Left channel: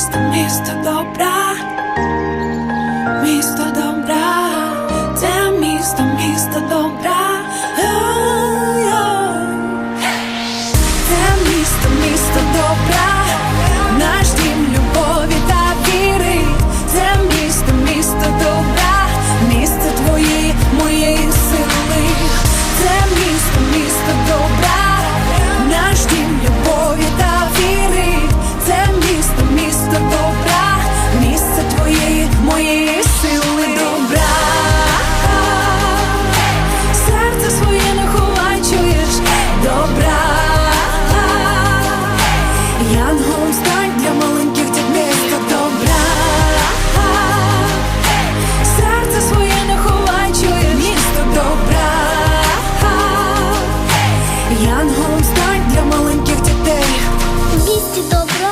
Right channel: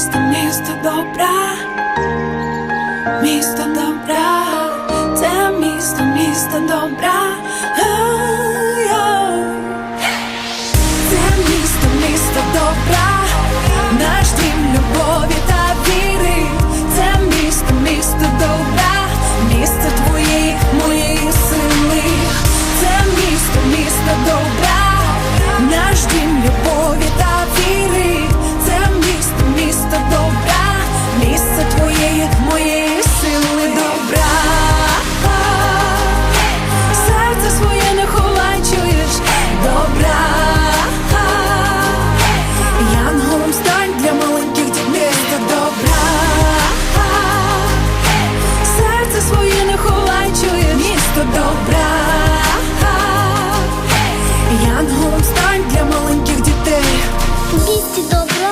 місто, місто добра, місто добра, це місто, місто добра. Це місто, місто добра, наш дім любові та віри. Це місто, місто добра, місце твоєї, моєї сили. Це місто, місто добра, наш дім любові та віри. Моєї сили добра. Серце своє не ховай, чуєш добра. Янголом стань для маленьких дітей місто добра. Серце своє не ховай, чуєш місто добра. Янголом стань для маленьких дітей. У місті добра.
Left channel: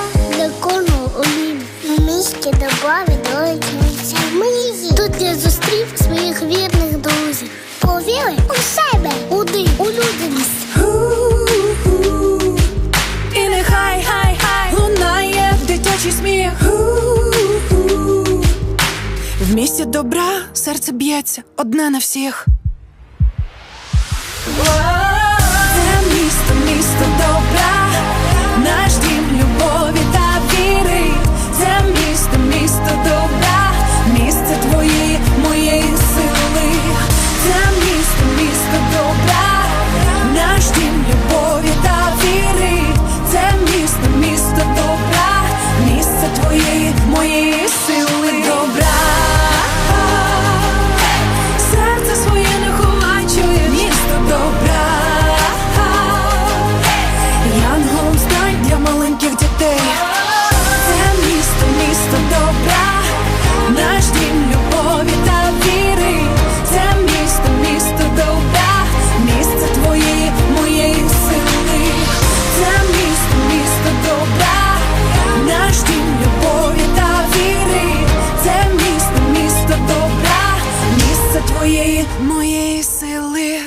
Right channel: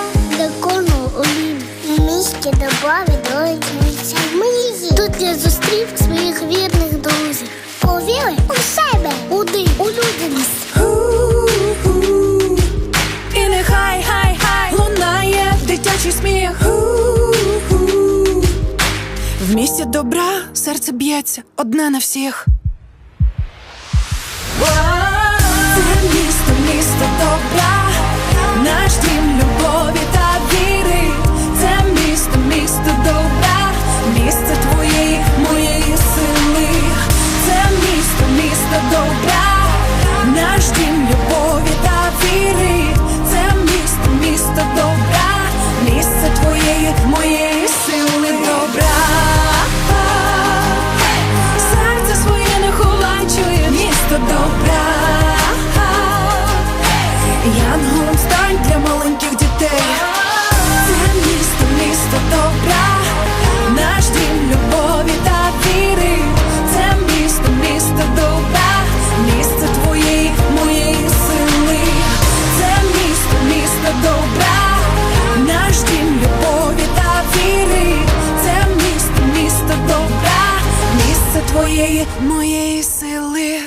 Місті добра відроджується мрії. Тут я зустрів своїх вірних друзів. Повіри у себе, у див, у людяність. І нехай хай хай лунає дитячий сміх. Ху-ху. В місті добра серце б'ється одне на всіх. Це місто, місто добра, твоєї, моєї сили добра. Твоєї, моєї сили.